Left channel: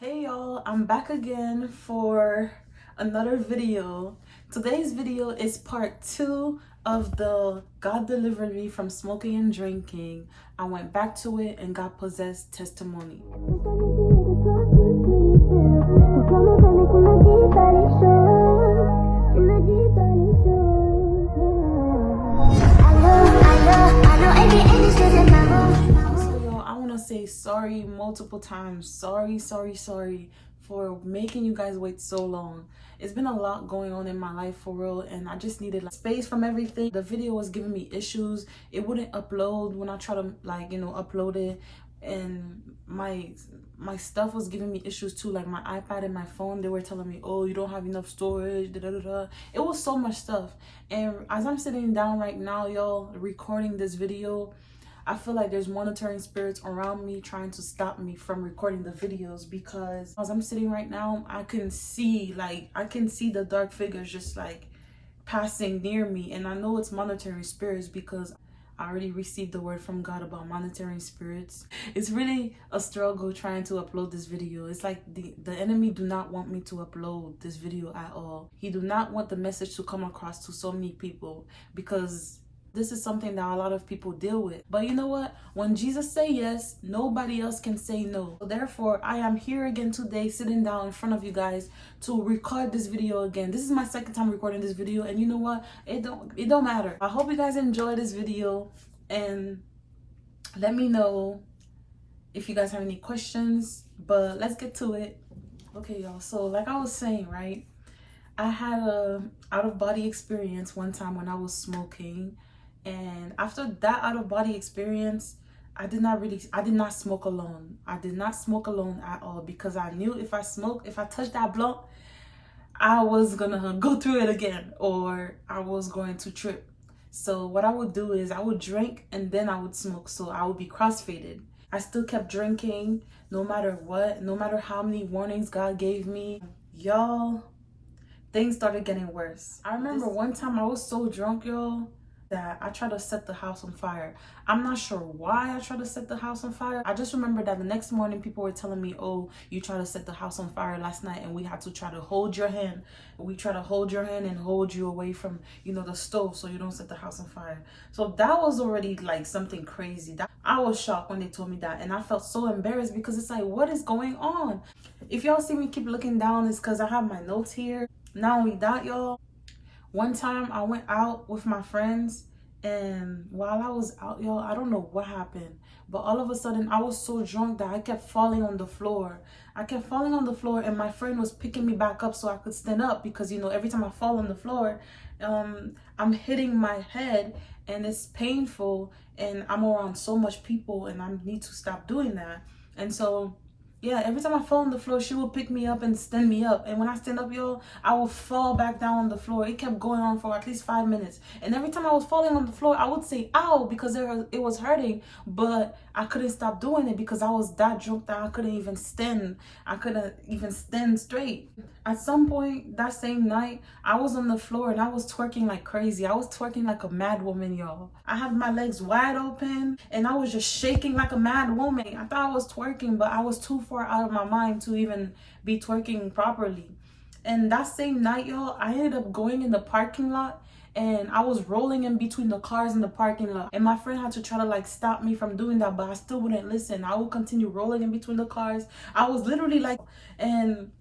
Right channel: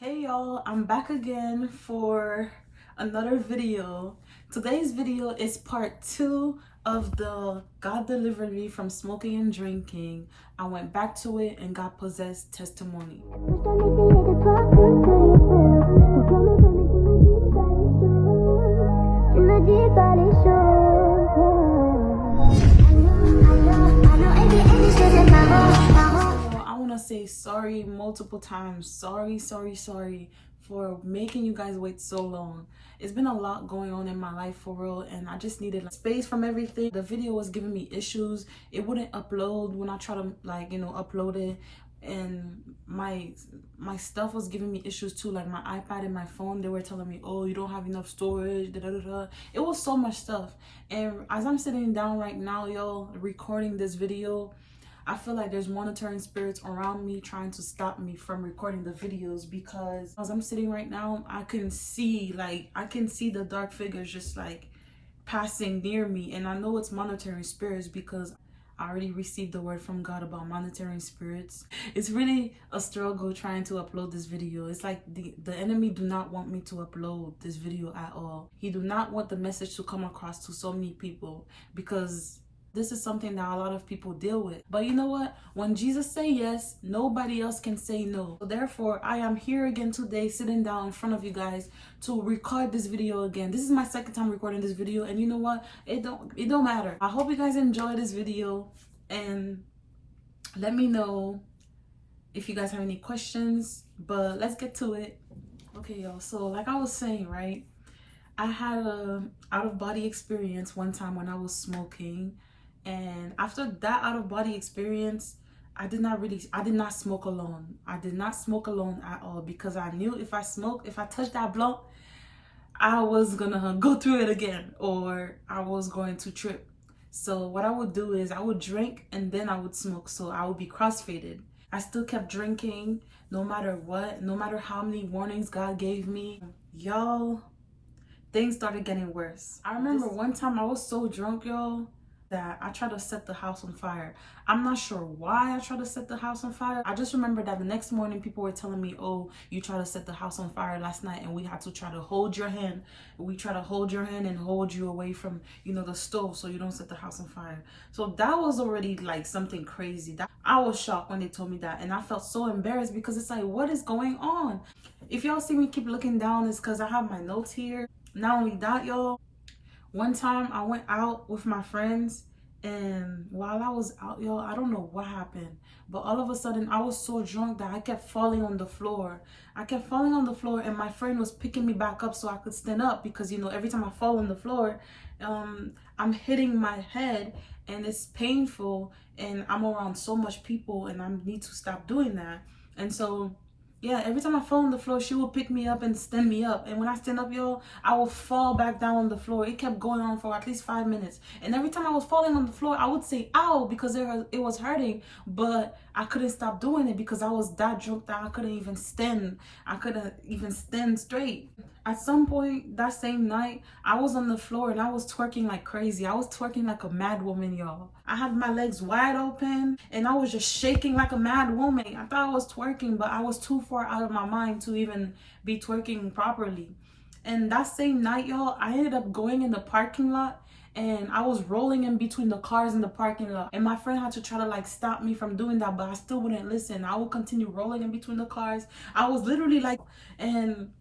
Hey y'all, I'm back again for another video. Today's video is part 2 of the God delivered me from smoking and drinking. I went back to it and got possessed testimony. I want to say sorry multiple times. Sorry for making you guys wait so long. It's been a lot going on in my life for real, and I just needed space from everything. The video was giving me issues. It wouldn't upload when I try to upload it, and my stuff was giving me issues too, like my iPad and my phone. They were telling me, oh, you don't have enough storage, da, da, da, da. It was so much stuff. And as I'm sitting down right now, y'all, recording this video, I feel like there's monitoring spirits around me trying to stop me from recording the videos, because as I'm sitting right now, I can see the dark figures just like passing near me. And I know it's monitoring spirits because I already received the word from God about monitoring spirits. It's really a struggle trying to upload this video. It's like the enemy do not want me to upload this video at all. He do not want the message to come across to so many people, because this is something that a lot of people deal with. But you know what? When Jesus say yes, nobody else can say no. So therefore, I am here again today, sitting down in front of you guys to record this video again. This is my second time recording this video, and you know what? It don't matter. I hope you guys enjoy this video, and let me know if you guys have any questions. But let's get to it. Okay, y'all. So like I was saying, right? I had a out-of-body experience one time when I was smoking. And after that out-of-body experience, I did not smoke alone. I did not smoke alone at all, because I knew if I touched that blunt, I was gonna go through it again, or I was going to trip. So what I would do is I would drink and then I would smoke, so I would be crossfaded. I still kept drinking no matter what, no matter how many warnings God gave me. Y'all, things started getting worse. I remember one time I was so drunk, y'all, that I tried to set the house on fire. I'm not sure why I tried to set the house on fire. I just remember that the next morning people were telling me, oh, you tried to set the house on fire last night, and we had to try to hold your hand. We try to hold your hand and hold you away from, the stove, so you don't set the house on fire. So that was already like something crazy. I was shocked when they told me that, and I felt so embarrassed, because it's like, what is going on? If y'all see me keep looking down, it's because I have my notes here. Not only that, y'all, one time I went out with my friends, and while I was out, y'all, I don't know what happened, but all of a sudden I was so drunk that I kept falling on the floor. And my friend was picking me back up so I could stand up, because every time I fall on the floor, I'm hitting my head and it's painful, and I'm around so much people, and I need to stop doing that. And so yeah, every time I fall on the floor, she would pick me up and stand me up. And when I stand up, y'all, I would fall back down on the floor. It kept going on for at least 5 minutes. And every time I was falling on the floor, I would say, ow, because it was hurting. But I couldn't stop doing it because I was that drunk that I couldn't even stand. I couldn't even stand straight. At some point that same night, I was on the floor and I was twerking like crazy. I was twerking like a mad woman, y'all. I had my legs wide open and I was just shaking like a mad woman. I thought I was twerking, but I was too far out of my mind to even be twerking properly. And that same night, y'all, I ended up going in the parking lot, and I was rolling in between the cars in the parking lot. And my friend had to try to stop me from doing that, but I still wouldn't listen. I would continue rolling in between the cars. I was literally and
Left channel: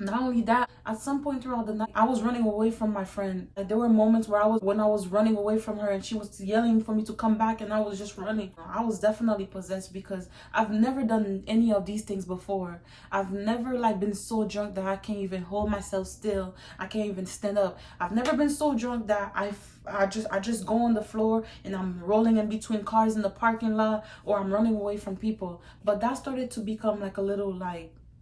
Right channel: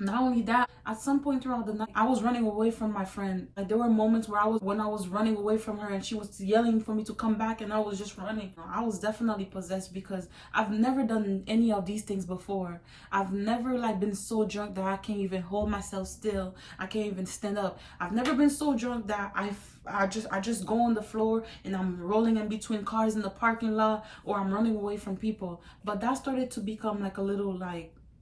not only that, at some point throughout the night, I was running away from my friend. Like, there were moments where when I was running away from her and she was yelling for me to come back, and I was just running. I was definitely possessed, because I've never done any of these things before. I've never been so drunk that I can't even hold myself still. I can't even stand up. I've never been so drunk that I just go on the floor and I'm rolling in between cars in the parking lot, or I'm running away from people. But that started to become a little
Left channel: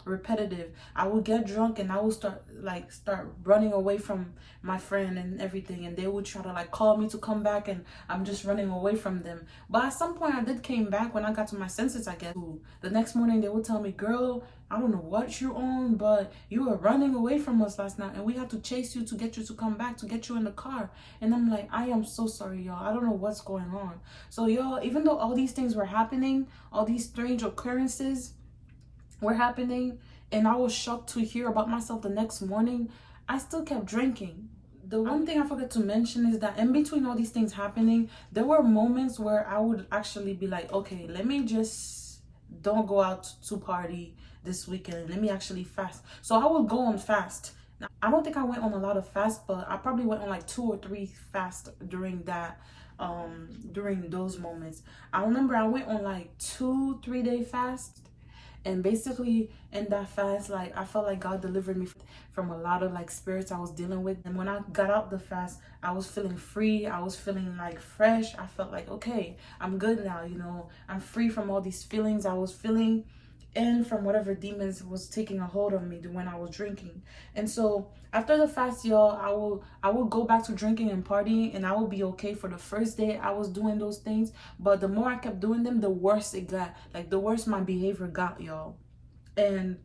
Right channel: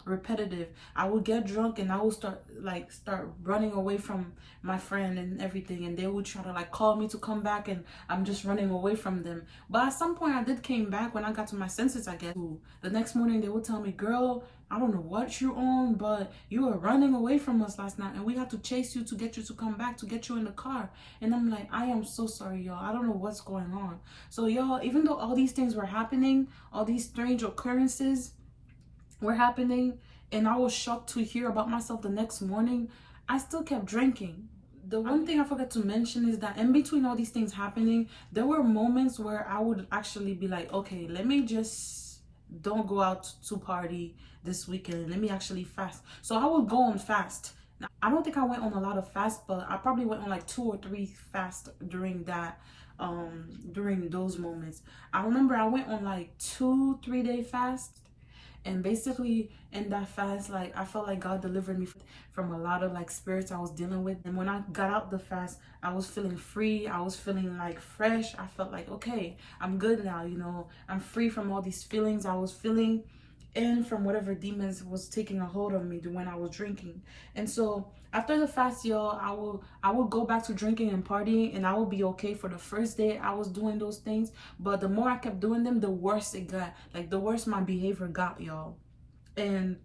repetitive. I would get drunk and I would start running away from my friend and everything, and they would try to call me to come back, and I'm just running away from them. But at some point I did came back when I got to my senses, I guess. The next morning they would tell me, girl, I don't know what you're on, but you were running away from us last night and we had to chase you to get you to come back, to get you in the car. And I'm like, I am so sorry, y'all. I don't know what's going on. So y'all, even though all these things were happening, all these strange occurrences were happening, and I was shocked to hear about myself the next morning, I still kept drinking. The one thing I forgot to mention is that in between all these things happening, there were moments where I would actually be like, okay, let me just don't go out to party this weekend. Let me actually fast. So I would go on fast. Now, I don't think I went on a lot of fasts, but I probably went on like 2 or 3 fasts during that during those moments. I remember I went on like 2 3 day fast, and basically in that fast, like I felt like God delivered me from a lot of like spirits I was dealing with. And when I got out the fast, I was feeling free. I was feeling like fresh. I felt like, okay, I'm good now, you know, I'm free from all these feelings I was feeling, and from whatever demons was taking a hold of me when I was drinking. And so after the fast, y'all, I will go back to drinking and partying, and I will be okay for the first day I was doing those things. But the more I kept doing them, the worse it got. Like the worse my behavior got, y'all. And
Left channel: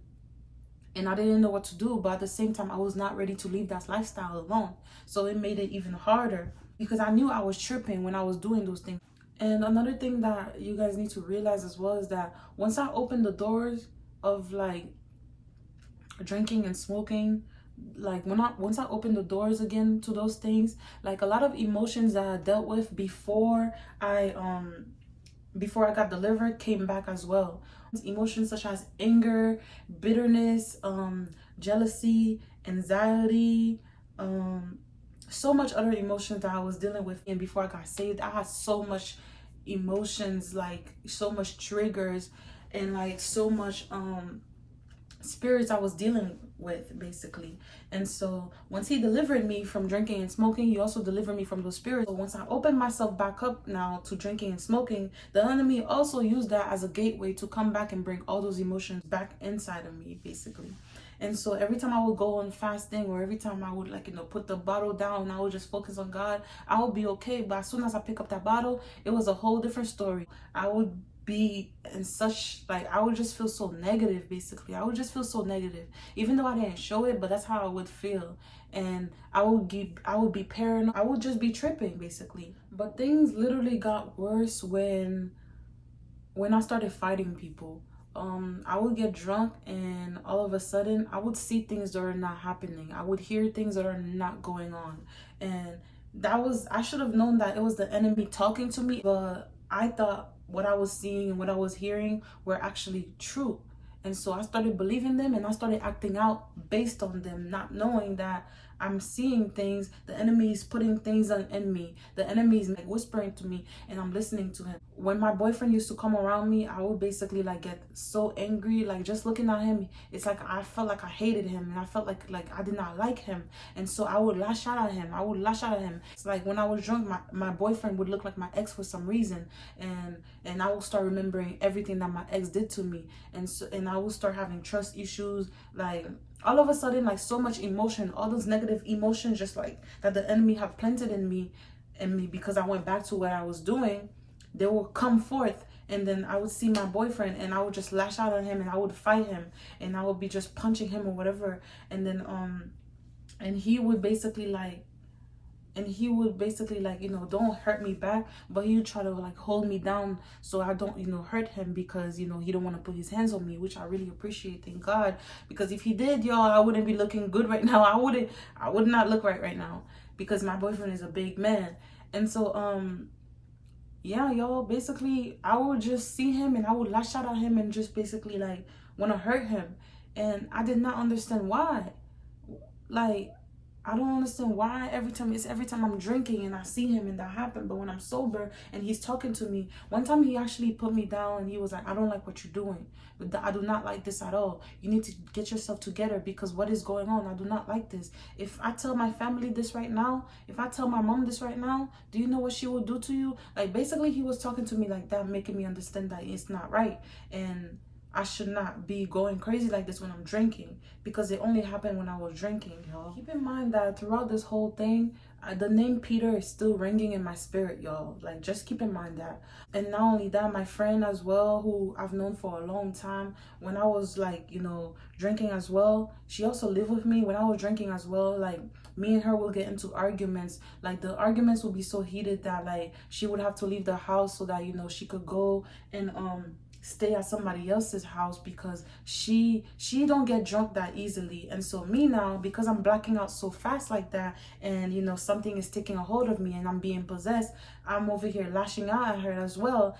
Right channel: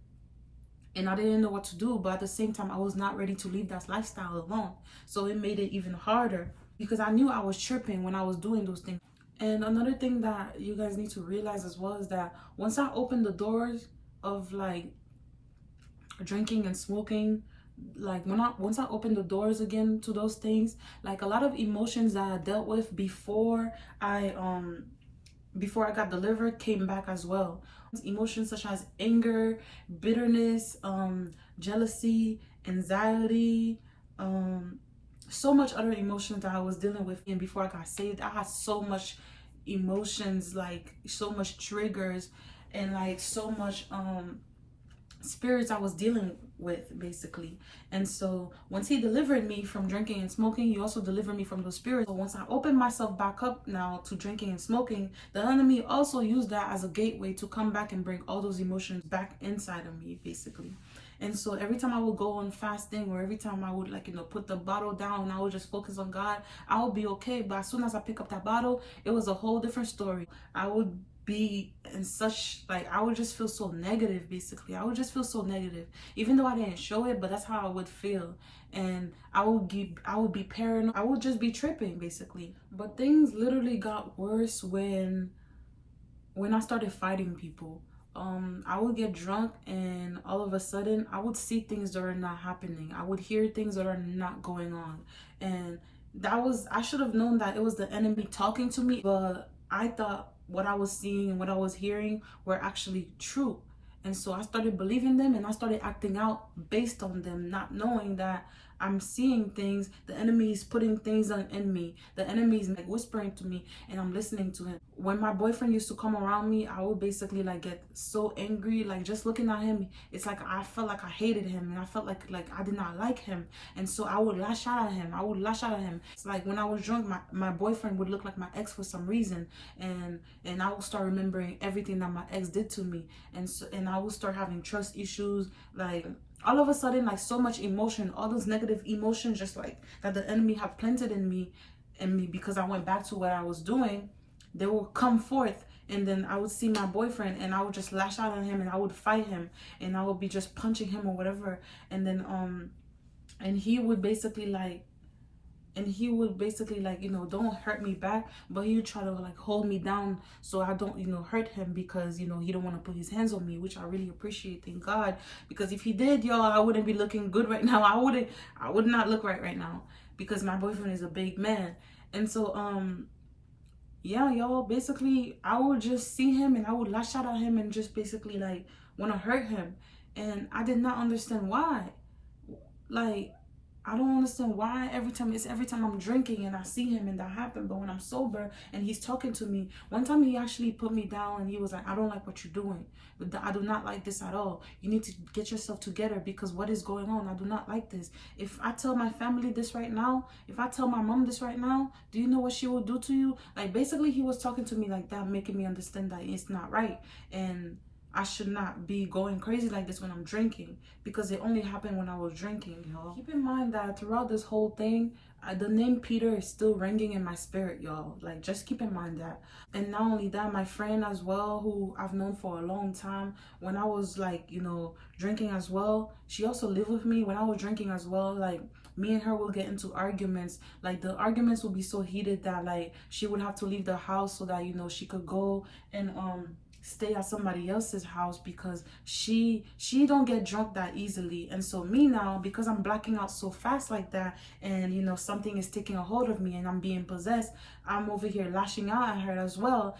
I didn't know what to do, but at the same time I was not ready to leave that lifestyle alone. So it made it even harder because I knew I was tripping when I was doing those things. And another thing that you guys need to realize as well is that once I opened the doors of like drinking and smoking, like once I opened the doors again to those things, like a lot of emotions that I dealt with I before I got delivered came back as well. Emotions such as anger, bitterness, jealousy, anxiety, so much other emotions that I was dealing with. And before I got saved, I had so much emotions, like so much triggers, and like so much spirits I was dealing with basically. And so once he delivered me from drinking and smoking, he also delivered me from those spirits. So once I opened myself back up now to drinking and smoking, the enemy also used that as a gateway to come back and bring all those emotions back inside of me basically. And so every time I would go on fasting, or every time I would, like, you know, put the bottle down and I would just focus on God, I would be okay. But as soon as I pick up that bottle, it was a whole different story. I would be in such, like, I would just feel so negative basically. I would just feel so negative, even though I didn't show it, but that's how I would feel. And I would be paranoid. I would just be tripping basically. But things literally got worse when I started fighting people. I would get drunk, and all of a sudden I would see things that are not happening. I would hear things that are not going on. And I should have known that it was the enemy talking to me, but I thought what I was seeing and what I was hearing were actually true. And so I started believing them, and I started acting out based on them, not knowing that I'm seeing things. The enemy is putting things in me. The enemy is whispering to me, and I'm listening to him. When my boyfriend used to come around me, I would basically like get so angry, like just looking at him. It's like I felt like I hated him, and I felt like I did not like him. And so I would lash out at him. It's like when I was drunk, my boyfriend would look like my ex for some reason, and I would start remembering everything that my ex did to me, and I would start having trust issues, like all of a sudden, like so much emotion, all those negative emotions, just like that the enemy have planted in me because I went back to what I was doing, they will come forth. And then I would see my boyfriend, and I would just lash out at him, and I would fight him, and I would be just punching him or whatever. And then and he would basically like you know, don't hurt me back, but he would try to like hold me down so I don't, you know, hurt him, because, you know, he don't want to put his hands on me, which I really appreciate, thank God, because if he did, y'all, I wouldn't be looking good right now. I would not look right now, because my boyfriend is a big man. And so yeah, y'all, basically I would just see him, and I would lash out at him, and just basically like want to hurt him. And I did not understand why. Like, I don't understand why every time I'm drinking and I see him and that happened. But when I'm sober and he's talking to me, one time he actually put me down, and he was like, I don't like what you're doing. I do not like this at all. You need to get yourself together, because what is going on? I do not like this. If I tell my family this right now, if I tell my mom this right now, do you know what she will do to you? Like, basically he was talking to me like that, making me understand that it's not right. And I should not be going crazy like this when I'm drinking, because it only happened when I was drinking, y'all. Keep in mind that throughout this whole thing, the name Peter is still ringing in my spirit, y'all. Like, just keep in mind that. And not only that, my friend as well, who I've known for a long time, when I was like, you know, drinking as well, she also lived with me when I was drinking as well. Like, me and her will get into arguments. Like, the arguments will be so heated that like she would have to leave the house so that, you know, she could go and stay at somebody else's house because she don't get drunk that easily. And so me now, because I'm blacking out so fast like that, and you know something is taking a hold of me and I'm being possessed, I'm over here lashing out at her as well.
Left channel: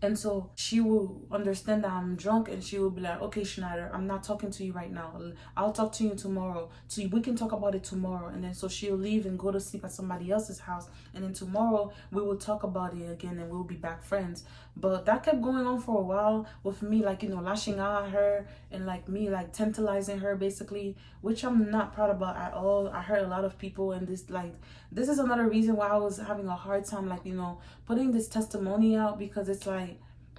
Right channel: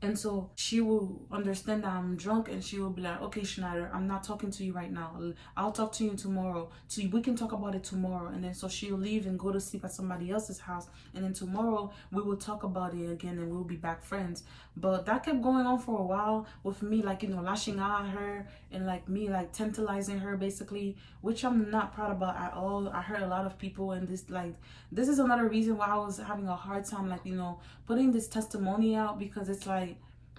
And so she will understand that I'm drunk, and she will be like, okay, Schneider, I'm not talking to you right now. I'll talk to you tomorrow. So we can talk about it tomorrow. And then so she'll leave and go to sleep at somebody else's house. And then tomorrow we will talk about it again and we'll be back friends. But that kept going on for a while with me, like, you know, lashing out at her and like me, like tantalizing her basically, which I'm not proud about at all. I hurt a lot of people, and this is another reason why I was having a hard time, like, you know, putting this testimony out, because it's like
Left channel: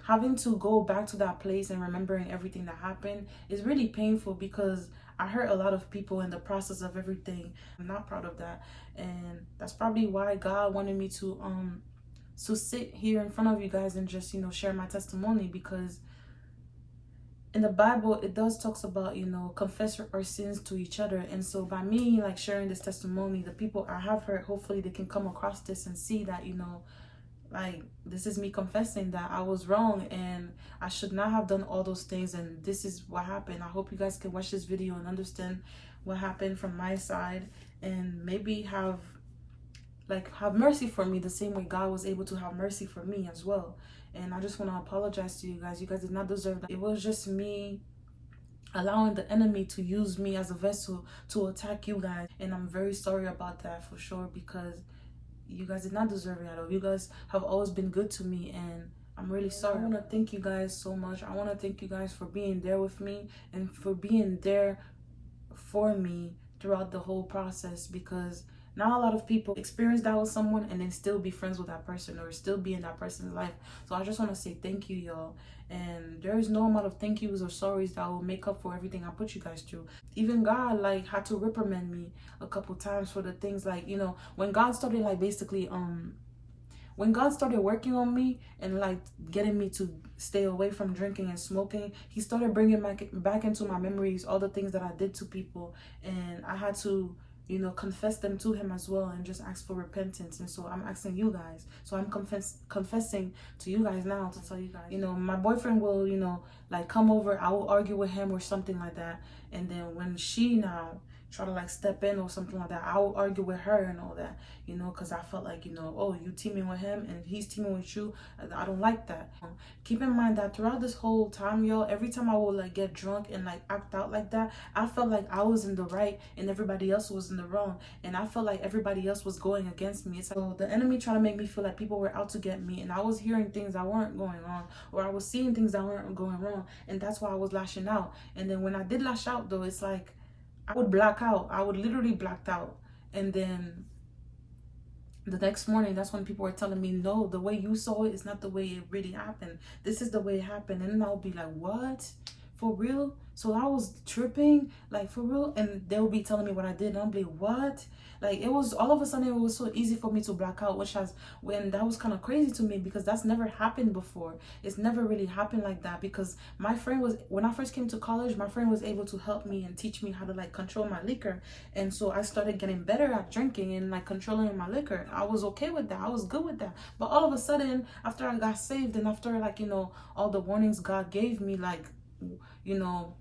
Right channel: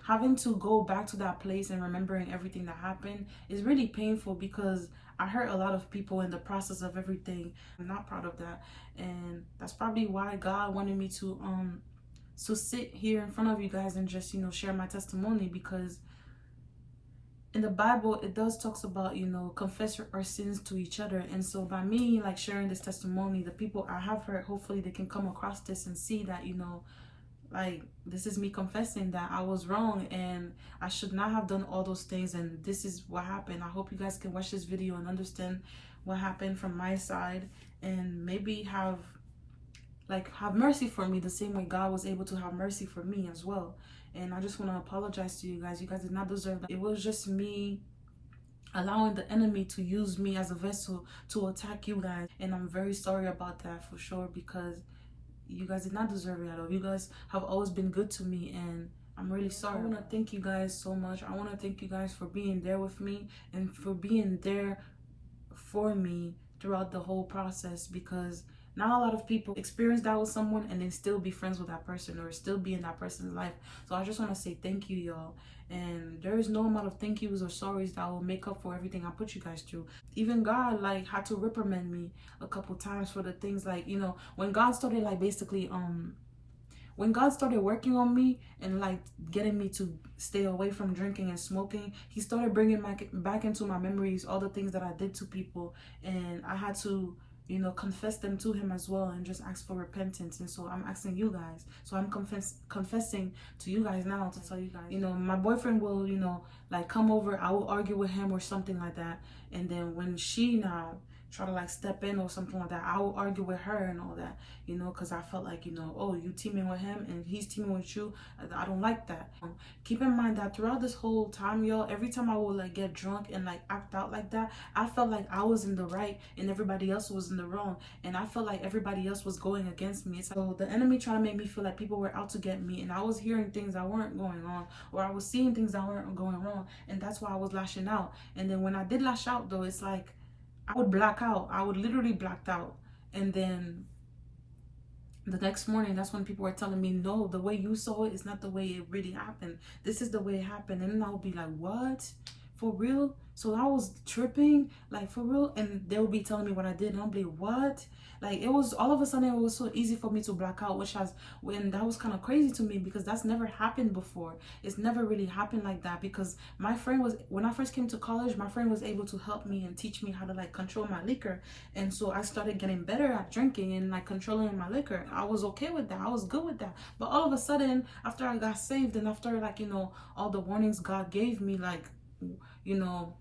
having to go back to that place and remembering everything that happened is really painful, because I hurt a lot of people in the process of everything. I'm not proud of that, and that's probably why God wanted me to sit here in front of you guys and just, you know, share my testimony, because in the Bible it does talks about, you know, confess our sins to each other. And so by me like sharing this testimony, the people I have hurt, hopefully they can come across this and see that, you know, like, this is me confessing that I was wrong and I should not have done all those things, and this is what happened. I hope you guys can watch this video and understand what happened from my side, and maybe have mercy for me the same way God was able to have mercy for me as well. And I just want to apologize to you guys. You guys did not deserve that. It was just me allowing the enemy to use me as a vessel to attack you guys, and I'm very sorry about that for sure, because you guys did not deserve it at all. You guys have always been good to me, and I'm really sorry. I want to thank you guys so much. I want to thank you guys for being there with me and for being there for me throughout the whole process, because not a lot of people experience that with someone and then still be friends with that person or still be in that person's life. So I just want to say thank you, y'all. And there is no amount of thank yous or sorries that will make up for everything I put you guys through. Even God like had to reprimand me a couple times for the things, like, you know, when God started like basically when God started working on me and like getting me to stay away from drinking and smoking, he started bringing back into my memories all the things that I did to people, and I had to, you know, confess them to him as well and just ask for repentance. And so I'm asking you guys, so I'm confessing to you guys now to tell you guys, you know, my boyfriend will, you know, like come over, I will argue with him or something like that, and then when she now try to like step in or something like that, I will argue with her and all that, you know, because I felt like, you know, oh, you teaming with him and he's teaming with you. I don't like that. Keep in mind that throughout this whole time, y'all, every time I would like get drunk and like act out like that, I felt like I was in the right and everybody else was in the wrong, and I felt like everybody else was going against me. So the enemy trying to make me feel like people were out to get me, and I was hearing things that weren't going on, or I was seeing things that weren't going wrong, and that's why I was lashing out. And then when I did lash out though, it's like I would black out. I would literally blacked out. And then the next morning, that's when people were telling me, no, the way you saw it is not the way it really happened. This is the way it happened. And then I'll be like, what? For real? So I was tripping, like, for real? And they would be telling me what I did, and I'll be like, what? Like, it was all of a sudden, it was so easy for me to black out, when that was kind of crazy to me, because that's never happened before. It's never really happened like that, because my friend was, when I first came to college, my friend was able to help me and teach me how to like control my liquor. And so I started getting better at drinking and like controlling my liquor. I was okay with that. I was good with that. But all of a sudden, after I got saved and after like, you know, all the warnings God gave me, like, you know,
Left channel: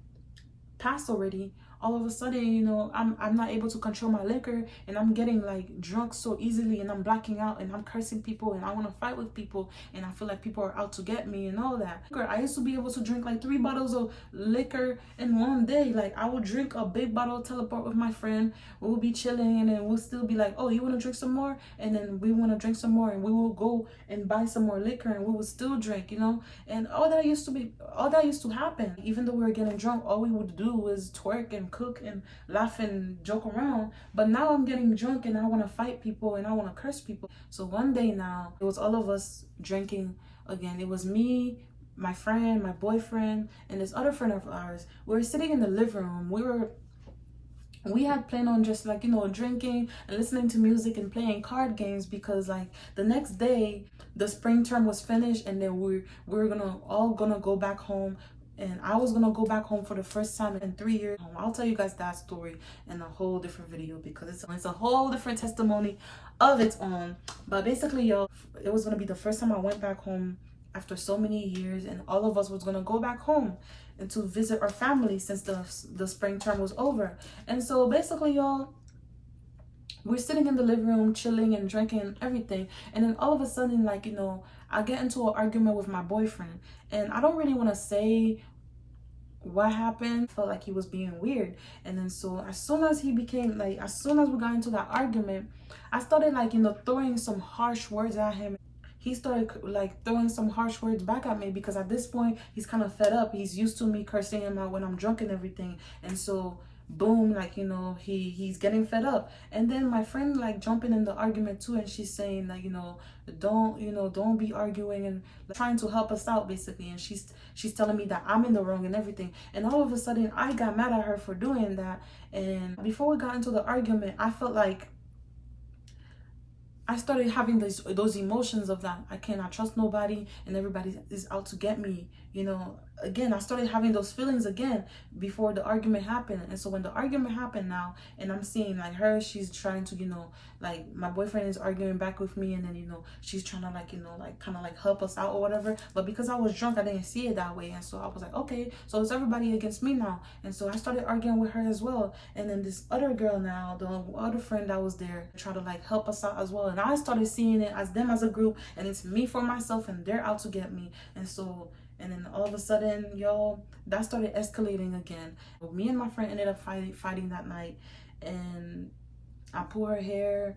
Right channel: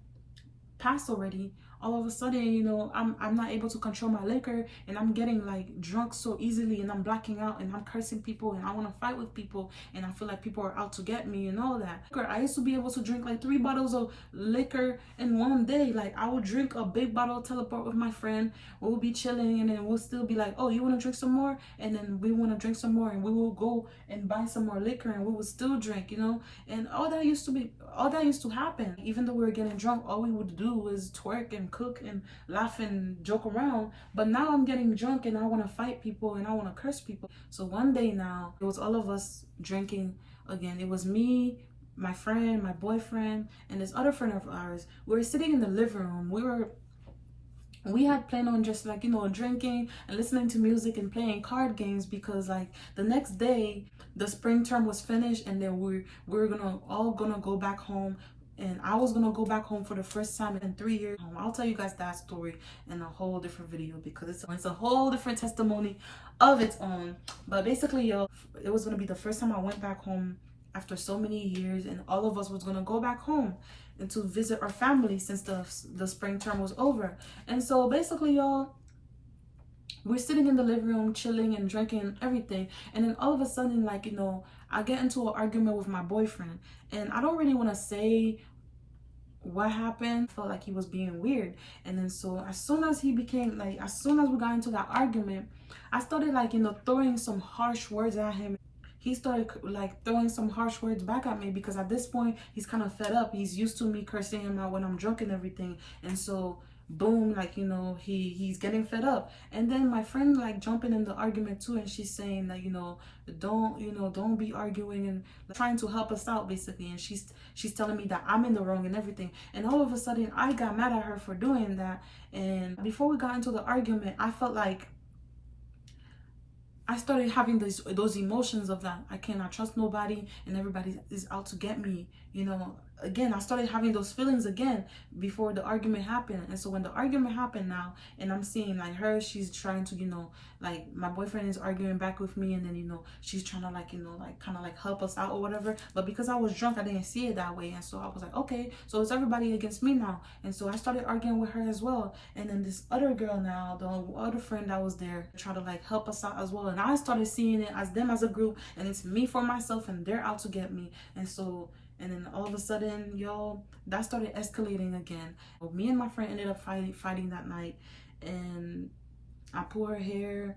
passed already, all of a sudden, you know, I'm not able to control my liquor, and I'm getting like drunk so easily, and I'm blacking out, and I'm cursing people, and I want to fight with people, and I feel like people are out to get me and all that. I used to be able to drink like 3 bottles of liquor in one day. Like, I would drink a big bottle of teleport with my friend, we'll be chilling, and then we'll still be like, oh, you want to drink some more? And then we want to drink some more, and we will go and buy some more liquor, and we will still drink, you know. And all that used to happen. Even though we were getting drunk, all we would do was twerk and cook and laugh and joke around. But now I'm getting drunk and I want to fight people and I want to curse people. So one day now, it was all of us drinking again. It was me, my friend, my boyfriend, and this other friend of ours. We were sitting in the living room. We had planned on just like, you know, drinking and listening to music and playing card games, because like the next day the spring term was finished, and then we're all gonna go back home. And I was gonna go back home for the first time in 3 years. I'll tell you guys that story in a whole different video, because it's a whole different testimony of its own. But basically, y'all, it was gonna be the first time I went back home after so many years, and all of us was gonna go back home and to visit our family since the spring term was over. And so basically, y'all, we're sitting in the living room chilling and drinking and everything, and then all of a sudden, like, I get into an argument with my boyfriend, and I don't really want to say what happened. Felt like he was being weird. And then so as soon as he became like, as soon as we got into that argument, I started like, throwing some harsh words at him. He started like throwing some harsh words back at me, because at this point he's kind of fed up. He's used to me cursing him out when I'm drunk and everything. And so boom, like, he's getting fed up. And then my friend like jumping in the argument too, and she's saying like, don't be arguing, and like, trying to help us out basically. And she's telling me that I'm in the wrong and everything. And all of a sudden I got mad at her for doing that. And before we got into the argument, I felt like I started having those emotions of that I cannot trust nobody and everybody is out to get me. Again, I started having those feelings again before the argument happened. And so when the argument happened now, and I'm seeing like her, she's trying to, like my boyfriend is arguing back with me, and then, she's trying to like, like kind of like help us out or whatever. But because I was drunk, I didn't see it that way. And so I was like, okay, so it's everybody against me now. And so I started arguing with her as well. And then this other girl now, the other friend that was there, tried to like help us out as well. And I started seeing it as them as a group, and it's me for myself, and they're out to get me. And then all of a sudden, y'all, that started escalating again. Me and my friend ended up fighting that night, and I pulled her hair.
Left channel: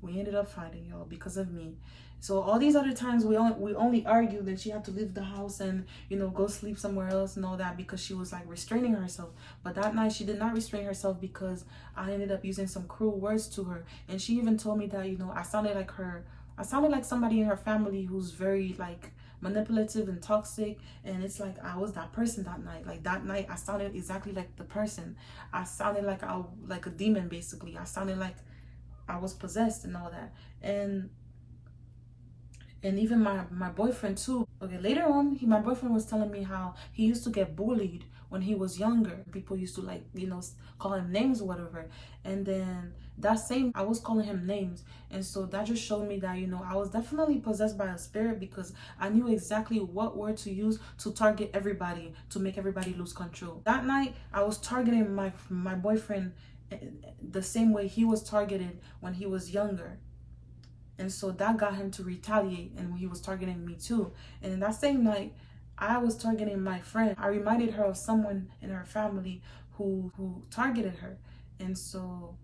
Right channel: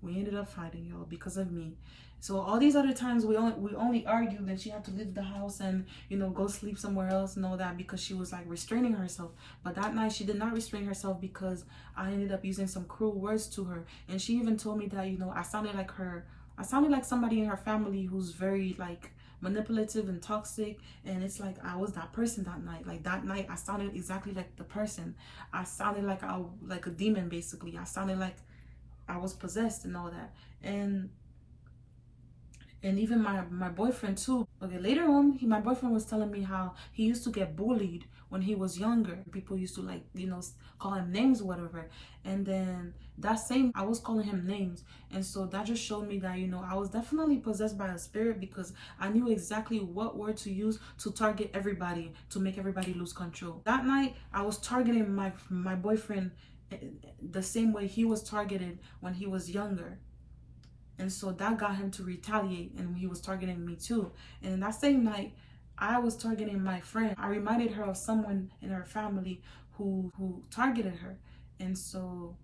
We ended up fighting, y'all, because of me. So all these other times we only argued, and she had to leave the house and go sleep somewhere else and all that, because she was like restraining herself. But that night she did not restrain herself, because I ended up using some cruel words to her. And she even told me that I sounded like her. I sounded like somebody in her family who's very like manipulative and toxic. And it's like I was that person that night. Like that night I sounded exactly like the person. I sounded like like a demon basically. I sounded like I was possessed and all that. And even my boyfriend too. Okay, later on, my boyfriend was telling me how he used to get bullied when he was younger. People used to like, call him names or whatever. And then that same, I was calling him names. And so that just showed me that, I was definitely possessed by a spirit, because I knew exactly what word to use to target everybody, to make everybody lose control. That night, I was targeting my boyfriend the same way he was targeted when he was younger. And so that got him to retaliate, and he was targeting me too. And in that same night, I was targeting my friend. I reminded her of someone in her family who targeted her. And so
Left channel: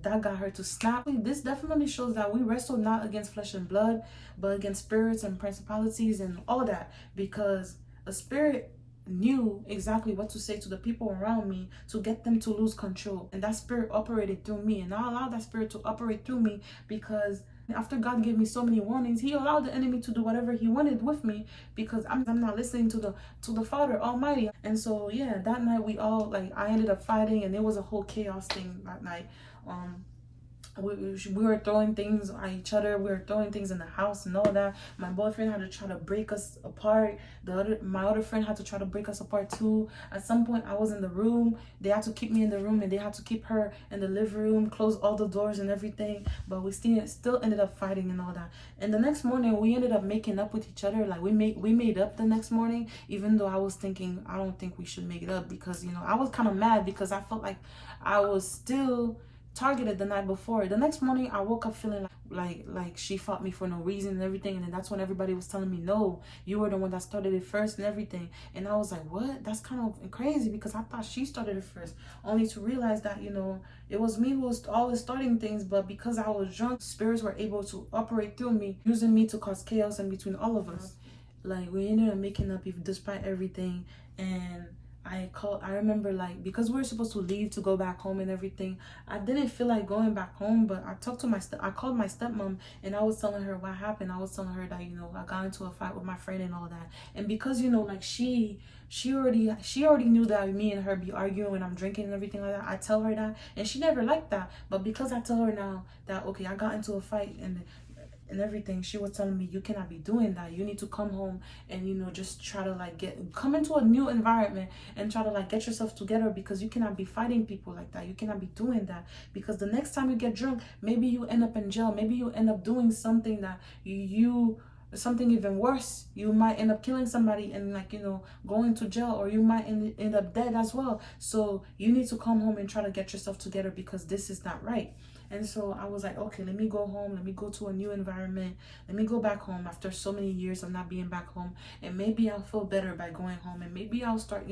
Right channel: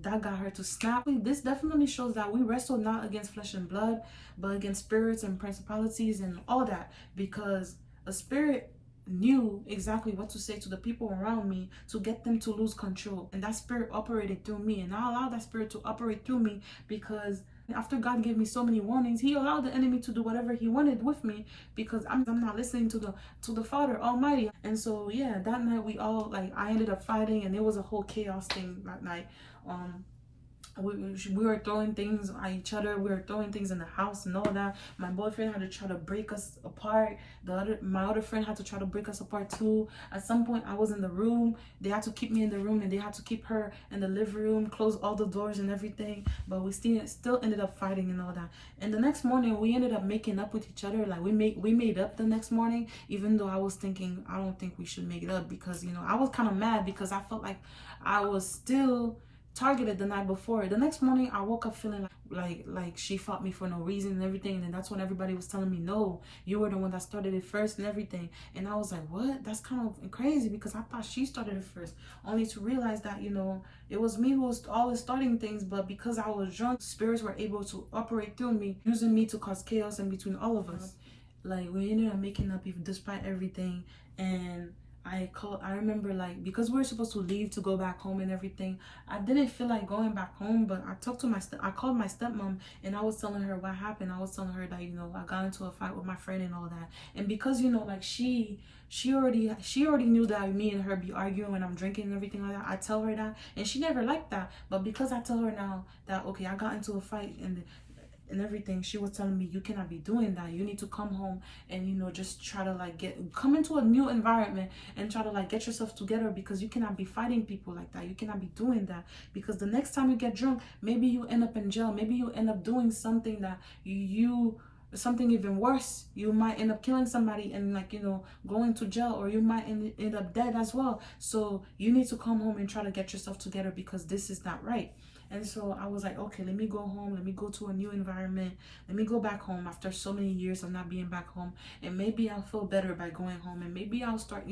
that got her to snap. This definitely shows that we wrestle not against flesh and blood, but against spirits and principalities and all that, because a spirit knew exactly what to say to the people around me to get them to lose control. And that spirit operated through me, and I allowed that spirit to operate through me, because after God gave me so many warnings, he allowed the enemy to do whatever he wanted with me, because I'm not listening to the Father Almighty. And so yeah, that night we all like, I ended up fighting, and it was a whole chaos thing that night. We were throwing things at each other. We were throwing things in the house and all that. My boyfriend had to try to break us apart. My other friend had to try to break us apart too. At some point, I was in the room. They had to keep me in the room, and they had to keep her in the living room, close all the doors and everything. But we still ended up fighting and all that. And the next morning, we ended up making up with each other. Like we made up the next morning, even though I was thinking I don't think we should make it up, because I was kind of mad, because I felt like I was still targeted the night before. The next morning I woke up feeling like she fought me for no reason and everything. And then that's when everybody was telling me, no, you were the one that started it first and everything. And I was like, what? That's kind of crazy, because I thought she started it first, only to realize that it was me who was always starting things. But because I was drunk, spirits were able to operate through me, using me to cause chaos in between all of us. Like we ended up making up despite everything. And I remember, like, because we were supposed to leave to go back home and everything, I didn't feel like going back home. But I called my stepmom, and I was telling her what happened. I was telling her that I got into a fight with my friend and all that. And because like she already knew that me and her be arguing when I'm drinking and everything like that, I tell her that, and she never liked that. But because I tell her now that, okay, I got into a fight and everything, she was telling me, you cannot be doing that. You need to come home and just try to like come into a new environment and try to like get yourself together, because you cannot be fighting people like that. You cannot be doing that, because the next time you get drunk, maybe you end up in jail. Maybe you end up doing something that you something even worse. You might end up killing somebody and, like, going to jail, or you might end up dead as well. So you need to come home and try to get yourself together, because this is not right. And so I was like, okay, let me go home. Let me go to a new environment. Let me go back home after so many years of not being back home. And maybe I'll feel better by going home. And maybe I'll start,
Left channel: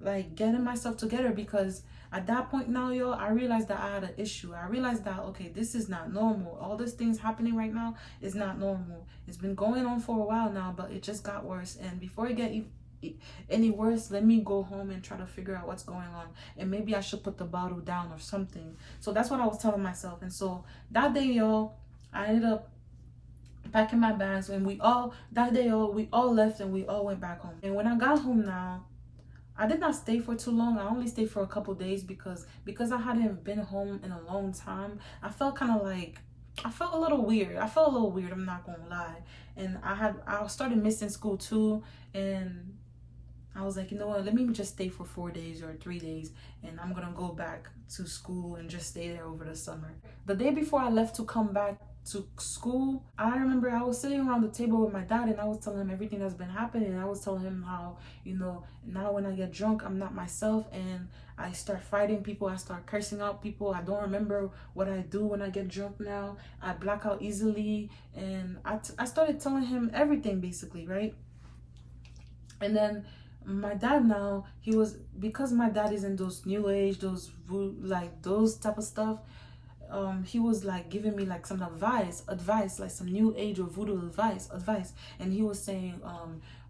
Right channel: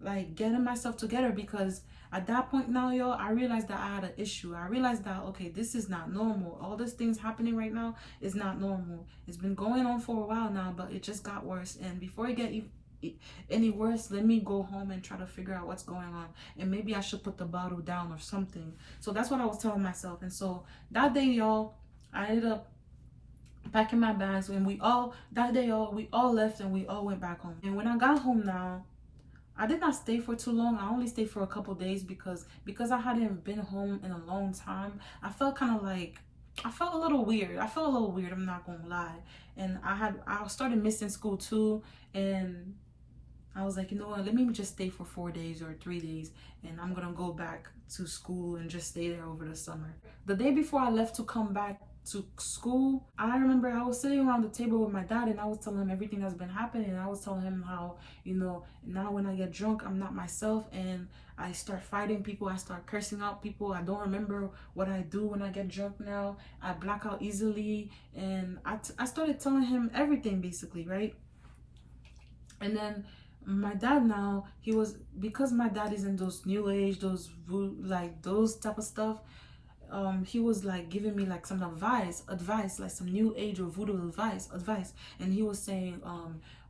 like, getting myself together. Because at that point now, y'all, I realized that I had an issue. I realized that, okay, this is not normal. All these things happening right now is not normal. It's been going on for a while now, but it just got worse. And before it get any worse, let me go home and try to figure out what's going on, and maybe I should put the bottle down or something. So that's what I was telling myself. And so that day, y'all, I ended up packing my bags, and we all left, and we all went back home. And when I got home now, I did not stay for too long. I only stayed for a couple days, because I hadn't been home in a long time. I felt a little weird. I'm not gonna lie. And I started missing school too, and I was like, you know what, let me just stay for 4 days or 3 days, and I'm gonna go back to school and just stay there over the summer. The day before I left to come back to school, I remember I was sitting around the table with my dad, and I was telling him everything that's been happening. I was telling him how, now when I get drunk, I'm not myself, and I start fighting people. I start cursing out people. I don't remember what I do when I get drunk now. I black out easily. And I started telling him everything, basically, right? And then my dad now, because my dad is in those new age, those type of stuff, he was like giving me like some advice, like some new age or voodoo advice. And he was saying,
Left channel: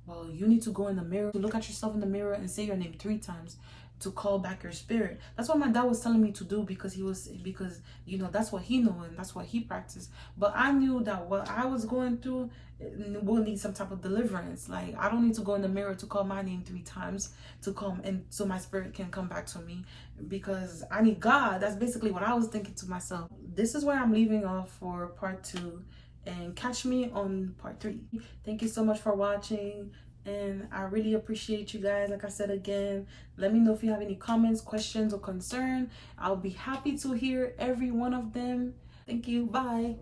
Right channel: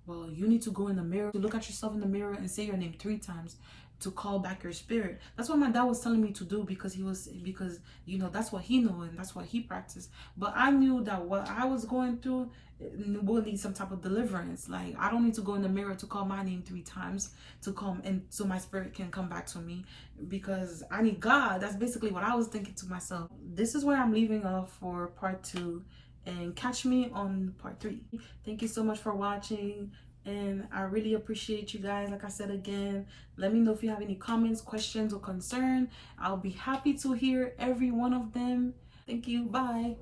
well, you need to go in the mirror, to look at yourself in the mirror and say your name 3 times to call back your spirit. That's what my dad was telling me to do, because that's what he knew and that's what he practiced. But I knew that what I was going through will need some type of deliverance. Like, I don't need to go in the mirror to call my name 3 times to come, and so my spirit can come back to me, because I need God. That's basically what I was thinking to myself. This is where I'm leaving off for part 2, and catch me on part 3. Thank you so much for watching, and I really appreciate you guys. Like I said again, let me know if you have any comments, questions, or concern. I'll be happy to hear every one of them. Thank you. Bye.